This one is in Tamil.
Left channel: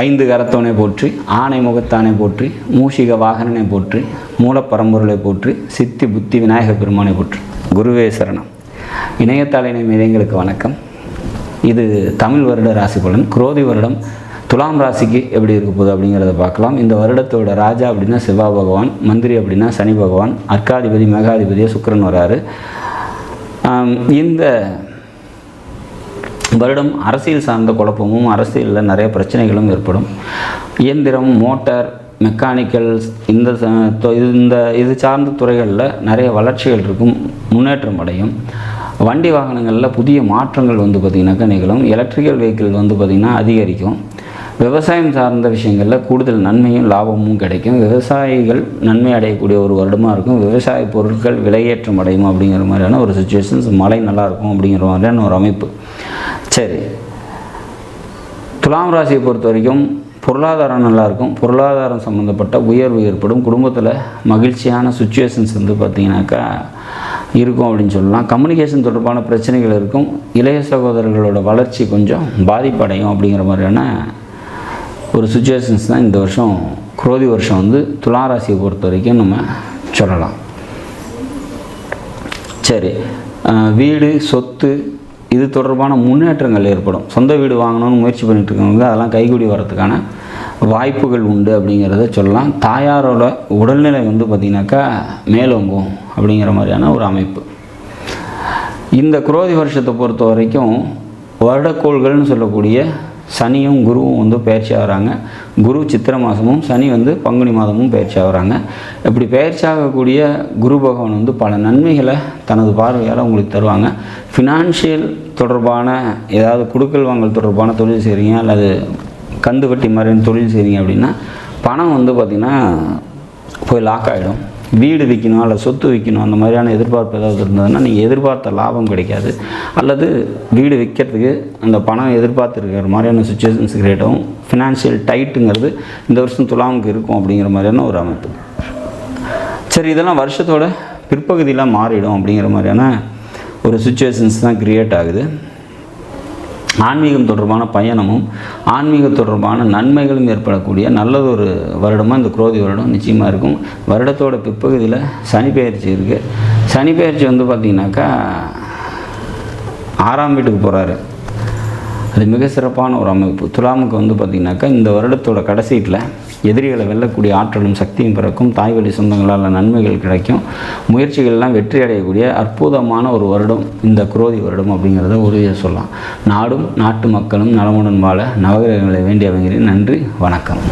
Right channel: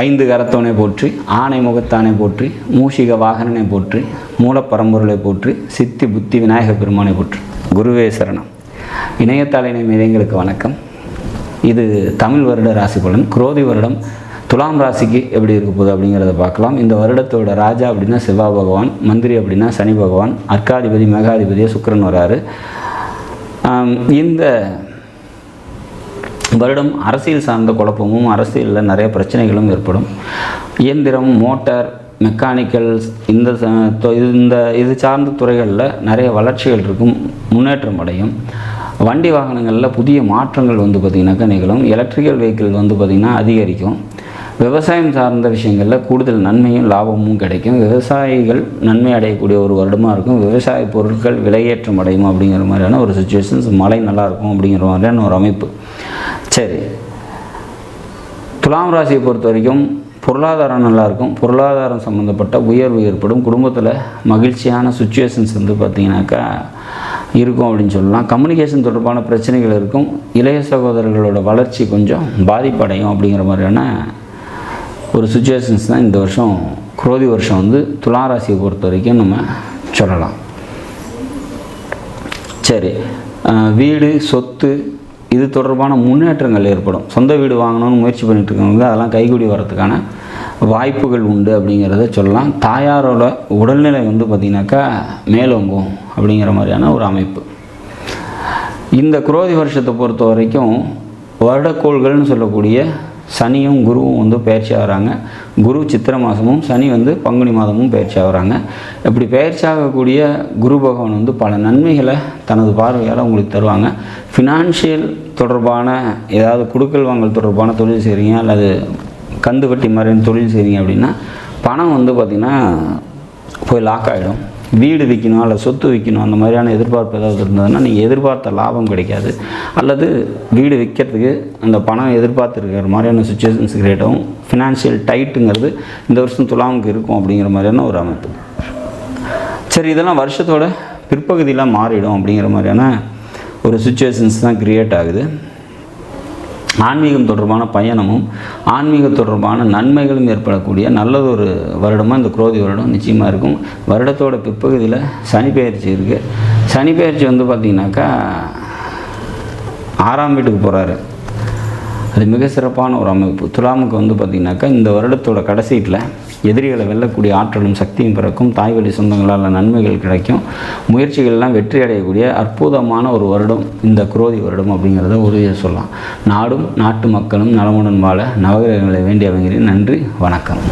ஐந்து கரத்தோனை போற்றி, ஆனை முகத்தானை போற்றி, மூஷிக வாகனனை போற்றி, மூலப்பரம்பொருளை போற்றி, சித்தி புத்தி விநாயக பெருமானை போற்றி. குருவே சரணம். இணையதள இணையங்களுக்கு வணக்கம். இது தமிழ் வருட ராசி பலன். குரோதி வருடம் துலாம் ராசிக்கு எப்படி இருக்க போகுது அப்படிங்கிறத பார்க்கலாம். இந்த வருடத்தோட ராஜா அப்படின்னா செவ்வாய் பகவான், மந்திரி அப்படின்னா சனி பகவான், அர்க்காதிபதி மெகாதிபதி சுக்கிரன் வராரு. இந்த வருடம் அரசியல் சார்ந்த குழப்பமும் அரசியலில் நிறைய பிரச்சனைகளும் ஏற்படும். இயந்திரம், மோட்டார், மெக்கானிக்கல்ஸ் இது சார்ந்த துறைகளில் நிறைய வளர்ச்சிகள் இருக்கும், முன்னேற்றம் அடையும். வண்டி வாகனங்களில் புதிய மாற்றங்கள் பார்த்திங்கனாக்கா நிகழும். எலக்ட்ரிக்கல் வெஹிக்கிள் பார்த்திங்கன்னா அதிகரிக்கும். விவசாயம் சார்ந்த விஷயங்களில் கூடுதல் நன்மையும் லாபமும் கிடைக்கும். விவசாயிகள் நன்மை அடையக்கூடிய ஒரு வருடமாக இருக்கும். விவசாய பொருட்கள் விலையேற்றம் அடையும் அப்படிங்கிற மாதிரியான ஒரு சுச்சுவேஷன்ஸ். மழை நல்லாயிருக்கும் அப்படிங்கிற மாதிரியான ஒரு அமைப்பு. சரி, துலாம் ராசியை பொறுத்த வரைக்கும் பொருளாதாரம் நல்லாயிருக்கும். பொருளாதாரம் சம்மந்தப்பட்ட உயர்வு ஏற்படும். குடும்பத்தில் மகிழ்ச்சியான சுச்சுவேஷன்ஸ் பார்த்திங்கனாக்கா இருக்கும் அப்படின்னு சொல்லலாம். கம்யூனிகேஷன் தொடர்பான பிரச்சனைகள் இருக்கும். இளைய சகோதரர்களோட வளர்ச்சி கொஞ்சம் பாதிப்படையும் அப்படிங்கிற மாதிரியான ஒரு சுச்சுவேஷன்ஸ் தான் இந்த வருஷம் குரோதி வருஷம் துலாம் ராசியை பொறுத்த வரைக்கும் நம்ம சொல்லலாம். சரி, வீடு, சொத்து இது தொடர்பான முன்னேற்றங்கள் ஏற்படும். சொந்த வீடு வாங்கணும்னு முயற்சி பண்ணிட்டு இருக்கவங்க அதெல்லாம் கைகூடி வரதுக்கான வாய்ப்புகள் உண்டு அப்படிங்கிறத சொல்லலாம். தாயாரோட உடல்நிலை பார்த்திங்கனாக்கா மேலோங்கும் அப்படிங்கிற மாதிரியான ஒரு அமைப்பு. இந்த குரோதி வருஷத்தை பொறுத்த வரைக்கும் வருடக்கோள்கள்னு சொல்லக்கூடிய சனியும் குருவும் பயிற்சி ஆகிறாங்க. குரு சித்திரை மாதமும் சனி பங்குனி மாதமும் பயிற்சி ஆகிறாங்க. இப்படி பயிற்சி ஆகக்கூடிய குரு பகவான் பல நன்மைகளை தனது பார்வையால் உங்களுக்கு தருவாங்க. ஃபினான்ஷியல் தொடர்பான ஏதாவது குடுக்கல் வாங்கல் தொடர்பான தொழில் செய்கிறீங்க, அல்லது கந்து வட்டி மாதிரியான தொழில் செய்கிறீங்க அப்படின்னா பணம் பார்த்திங்கன்னா போய் லாக் ஆகிடும். வீடு விற்கணும் அல்லது சொத்து விற்கணும் அந்த மாதிரியான எதிர்பார்ப்பு ஏதாவது இருந்ததுன்னா நீங்கள் எதிர்பார்த்த லாபம் கிடைக்காது. அல்லது வீடு விற்கிறதுக்கு அந்த பணம் எதிர்பார்த்துருக்கிற மாதிரியான சுச்சுவேஷன்ஸ் கிரியேட் ஆகும். ஃபினான்ஷியல் டைட்டுங்கிறது இந்த வருஷம் துலாமுக்கு இருக்கும் அப்படிங்கிற மாதிரியான ஒரு அமைப்பு. சரி, இதெல்லாம் வருஷத்தோட பிற்பகுதியில் மாறிடும் அப்படிங்கிற மாதிரியான ஒரு சுச்சுவேஷன்ஸ் தான் கிரியேட் ஆகுது. ஆன்மீகம் தொடர்பான பயணமும் ஆன்மீக தொடர்பான நன்மைகளும் ஏற்படக்கூடிய நல்லதொரு வருடமாக இந்த குரோதி வருடம் நிச்சயமாக இருக்கும். வருடத்தோட பிற்பகுதியில் சனி பயிற்சி இருக்குது. சனி பயிற்சி பார்த்திங்கனாக்கா 6ஆம் வீட்டுக்கு போகிறாரு. அது மிக சிறப்பான ஒரு அமைப்பு. துலாமுக்கு பார்த்திங்கனாக்கா இந்த வருடத்தோட கடைசியில் எதிரிகளை வெல்லக்கூடிய ஆற்றலும் சக்தியும் பிறக்கும். தாய் வழி சொந்தங்களால் நன்மைகள் கிடைக்கும். முயற்சிகள்லாம் வெற்றி அடையக்கூடிய அற்புதமான ஒரு வருடம் இந்த குரோதி வருடம் அப்படிங்கிறத உறுதியாக சொல்லலாம். நாடும் நாட்டு மக்களும் நலமுடன் வாழ நவகிரகங்களை வேண்டி அமைகிறேன். நன்றி, வணக்கம்.